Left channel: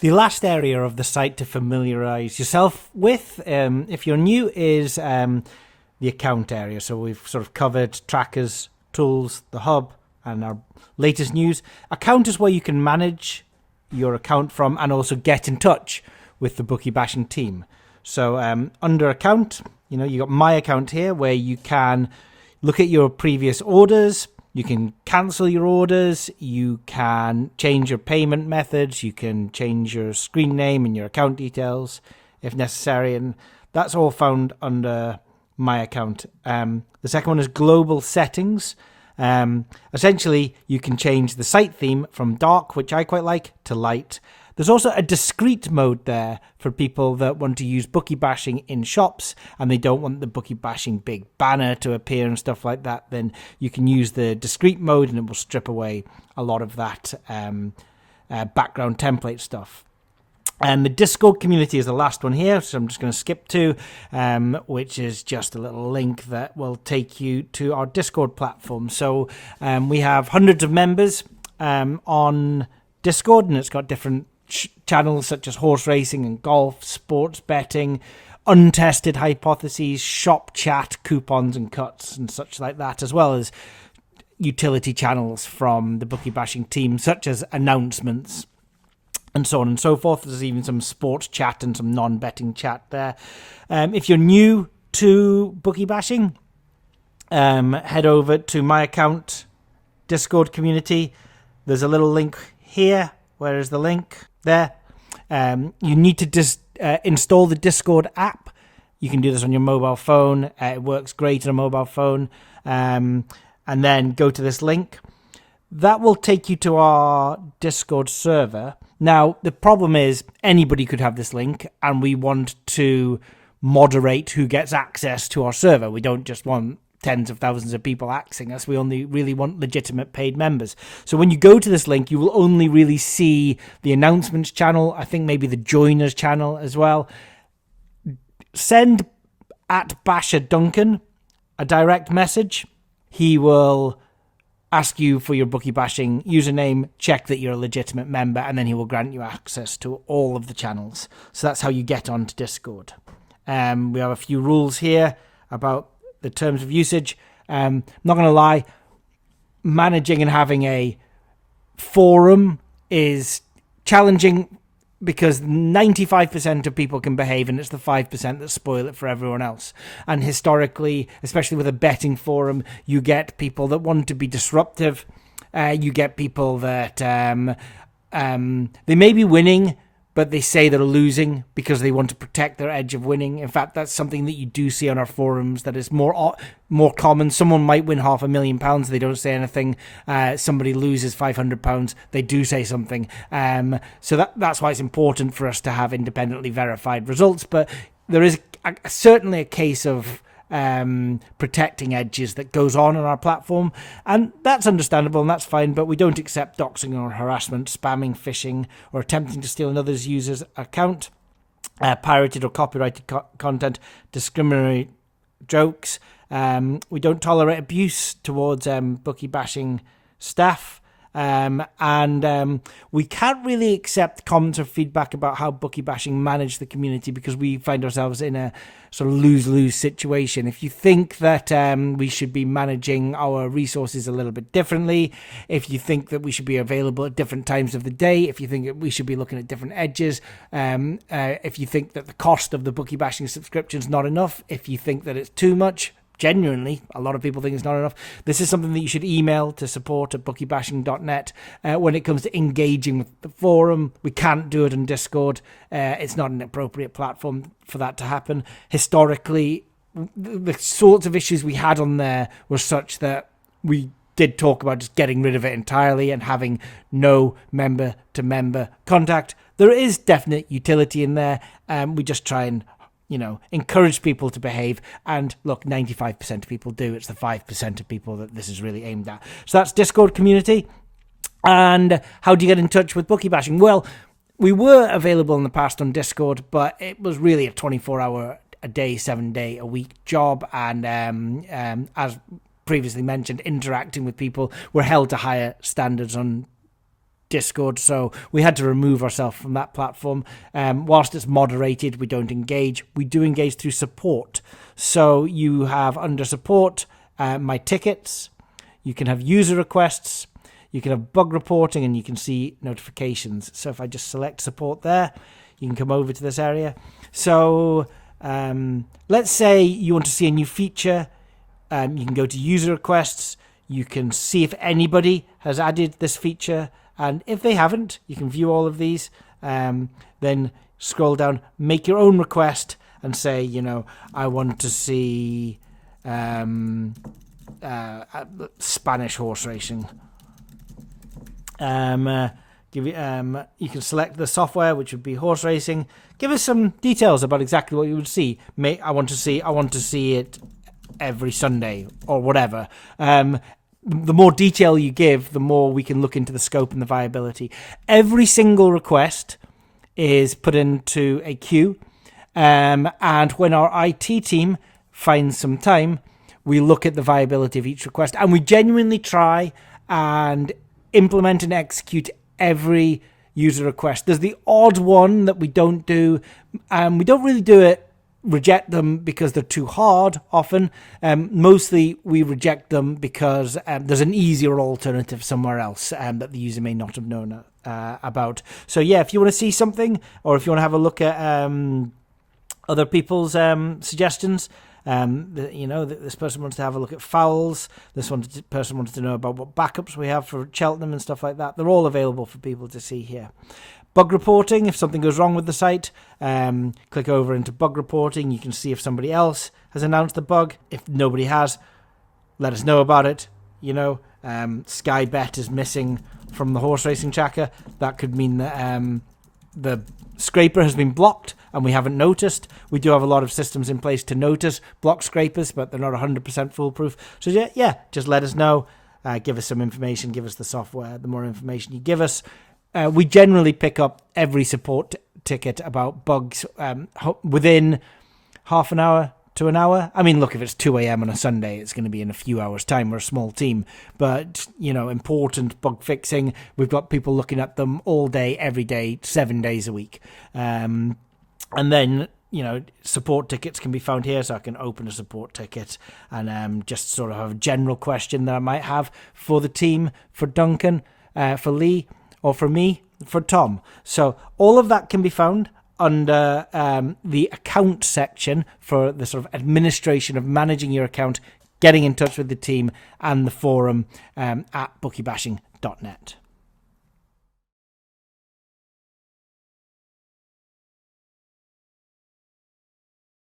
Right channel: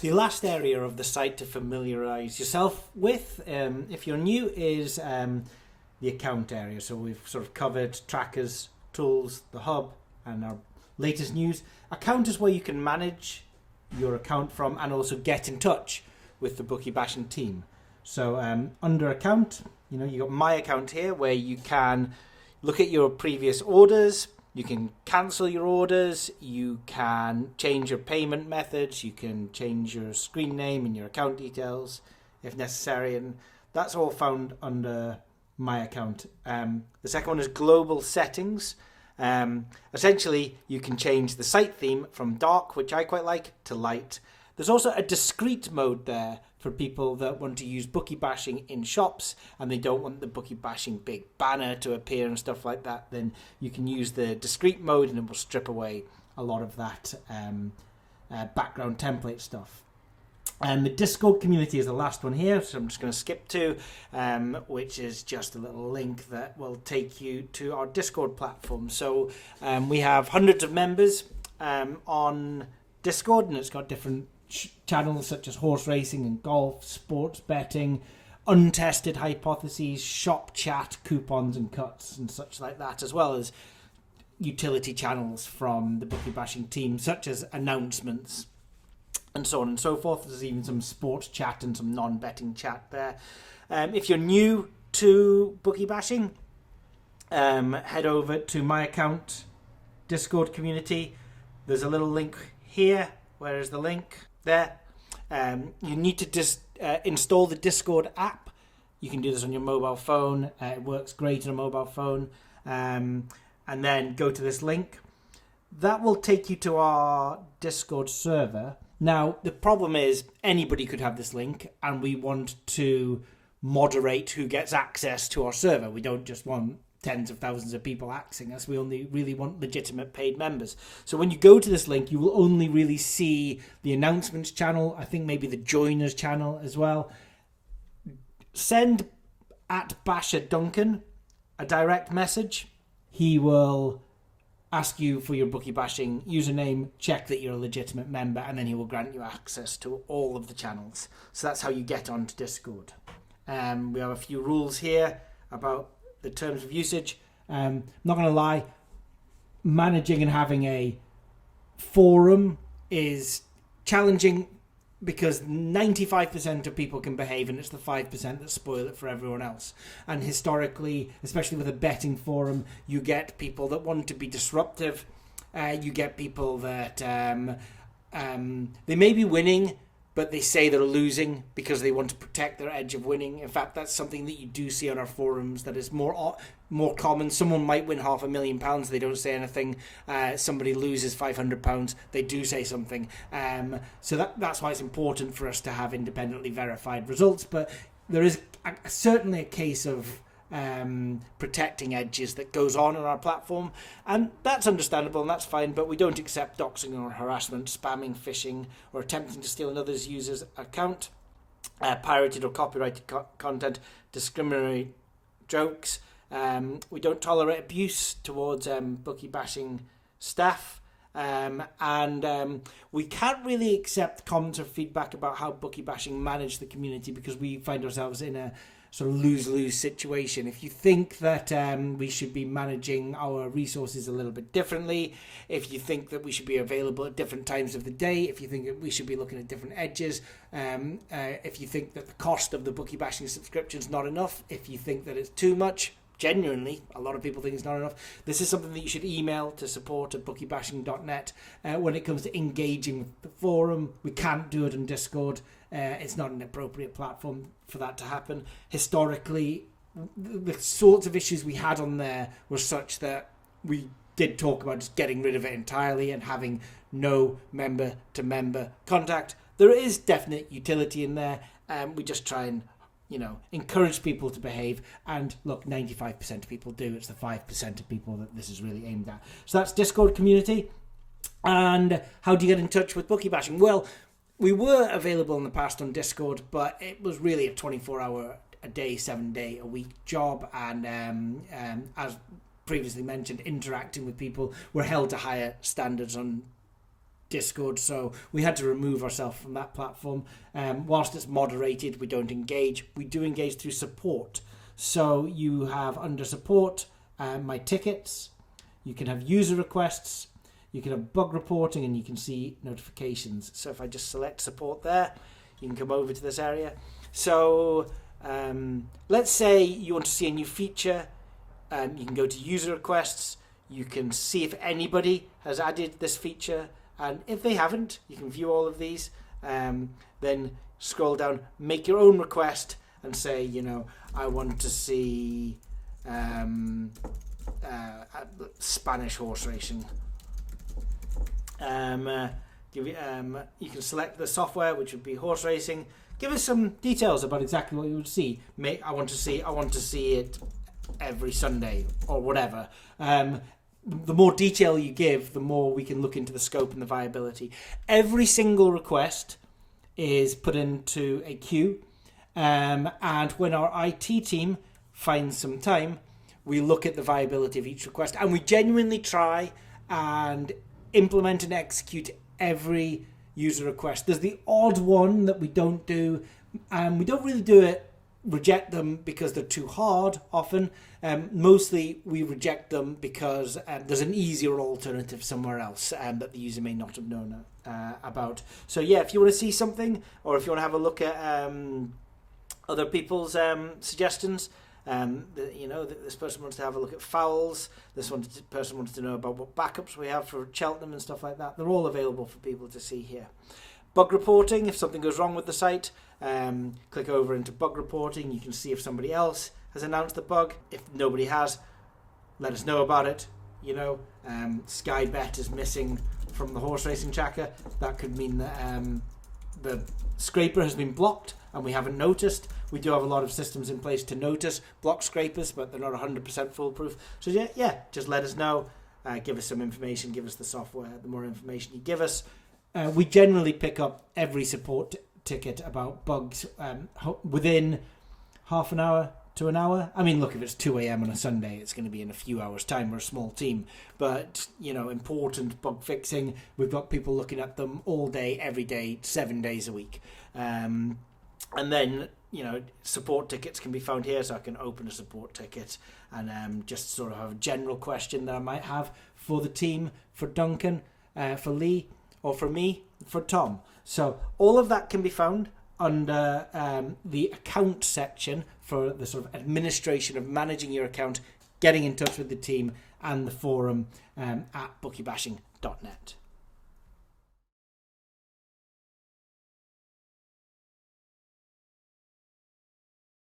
The last area of the site to familiarize yourself with, if you're new, is the account area. So we've sort of covered trackers, tools, the hub, and our latest news. Account is where you can manage your account from and also get in touch with the Bookie Bashing team. So under account, you got my account here where you can look at your previous orders. You can cancel your orders, you can change your payment methods, you can change your screen name and your account details if necessary, and that's all found under my account. The second one is global settings. Essentially, you can change the site theme from dark, which I quite like, to light. There's also a discrete mode there for people that want to use Bookie Bashing in shops and they don't want the Bookie Bashing big banner to appear and stuff like that. Then you can use the discrete mode and it will strip away a lot of that background template stuff. And the Discord community is the last one here, so I'm just going to skip to, which is just a little link that will take you to our Discord platform. So we have hundreds of members on Discord, and it's got different channels such as horse racing and golf, sports betting, untested hypotheses, shop chat, coupons and cuts and such like that, as well as utility channels from the Bookie Bashing team, such as announcements and so on and so forth. There's even some sports chat and some non-betting chat there. If you're new to Bookie Bashing, head over to my account, Discord community. There's a little link here. Where is the link? There. You need to install the Discord app. You can do this on your mobile phone. It works great on a mobile phone. And then go to this link. That will take you to our Discord server. Now, the problem is anybody could have this link, and we want to moderate who gets access to our server. We don't just want tens of thousands of people accessing us. We only really want legitimate paid members. So when you go to this link, you will only really see the announcements channel, I think maybe the joiners channel as well. Send at Basher Duncan a direct message. He will ask you for your Bookie Bashing username, check that you're a legitimate member, and then he will grant you access to all of the channels. So that's how you get onto Discord. We have a few rules here about the terms of usage. Not going to lie, managing and having a forum is challenging because 95% of people can behave and it's the 5% that spoil it for everyone else. And historically, especially with a betting forum, you get people that want to be disruptive. You get people that they may be winning, but they say they're losing because they want to protect their edge of winning. In fact, that's something that you do see on our forums that is more common. Someone might win £500,000, they don't say anything. Somebody loses £500, they do say something. So that's why it's important for us to have independently verified results. But there is certainly a case of protecting edges that goes on our platform, and that's understandable and that's fine, but we don't accept doxing or harassment, spamming, phishing, or attempting to steal another's user's account, pirated or copyrighted content, discriminatory jokes. We don't tolerate abuse towards Bookie Bashing staff. And we can't really accept comments or feedback about how Bookie Bashing manage the community because we find ourselves in a sort of lose-lose situation. If you think that we should be managing our resources a little bit differently, if you think that we should be available at different times of the day, if you think that we should be looking at different edges, if you think that the cost of the Bookie Bashing subscription is not enough, if you think that it's too much, genuinely, a lot of people think it's not enough. This is something that you should email to support@bookiebashing.net. When it comes to engaging with the forum, we can't do it on Discord. It's not an appropriate platform for that to happen. Historically, the sorts of issues we had on there were such that we did talk about just getting rid of it entirely and having no member-to-member contact. There is definite utility in there. We just try and encourage people to behave. And look, 95% of people do. It's the 5% of people that this is really aimed at. So that's Discord community. And how do you get in touch with Bookie Bashing? Well, we were available in the past on Discord, but it was really a 24-hour a day, 7-day a week job. And as previously mentioned, interacting with people, we're held to higher standards on Discord, so we had to remove ourselves from that platform. Whilst it's moderated, we don't engage. We do engage through support. So you have under support my tickets, you can have user requests, you can have bug reporting, and you can see notifications. So if I just select support there, you can come over to this area. So let's say you want to see a new feature. You can go to user requests. You can see if anybody has added this feature. And if they haven't, you can view all of these. Then scroll down, make your own request, and say, you know, I want to see Spanish horse racing. You can select the software, which would be horse racing. Give us some details about exactly what you would see. I want to see it every Sunday or whatever. The more detail you give, the more we can look into the scope and the viability. Every single request is put into a queue, and when our IT team finds some time, we look at the viability of each request, and we genuinely try and implement and execute every user request. There's the odd one that we don't do, and we don't really do it, reject them because they're too hard often. Mostly we reject them because there's an easier alternative somewhere else that the user may not have known about. So yeah, if you want to see something, or if you want to have a look at other people's suggestions, this person wants to have a look at fouls. This person wants to know about what backups we have for Cheltenham and stuff like that. They're all available for people to see here. Bug reporting, if something goes wrong with the site, click over into bug reporting. You can see if somebody else has announced the bug. If nobody has, let us know about it. Sky Bet is missing from the horse racing tracker. That could mean that the scraper has been blocked and we haven't noticed. We do have a lot of systems in place to notice block scrapers, but they're not 100% foolproof. So yeah, just let us know. Give us some information. Give us the software. The more information you give us, we generally pick up every support ticket about bugs within half an hour to an hour. I mean, look, if it's 2 a.m. on a Sunday, it's going to be in a few hours' time. We're a small team. But, important bug fixing, we've got people looking at them all day, every day, 7 days a week. And then, support tickets can be found here. So I can open a support ticket and just sort of have a general question that I might have for the team, for Duncan, for Lee, or for me, for Tom. So all of that can be found under the account section for the sort of administration of managing your account, getting in touch with the team, and the forum at bookiebashing.net.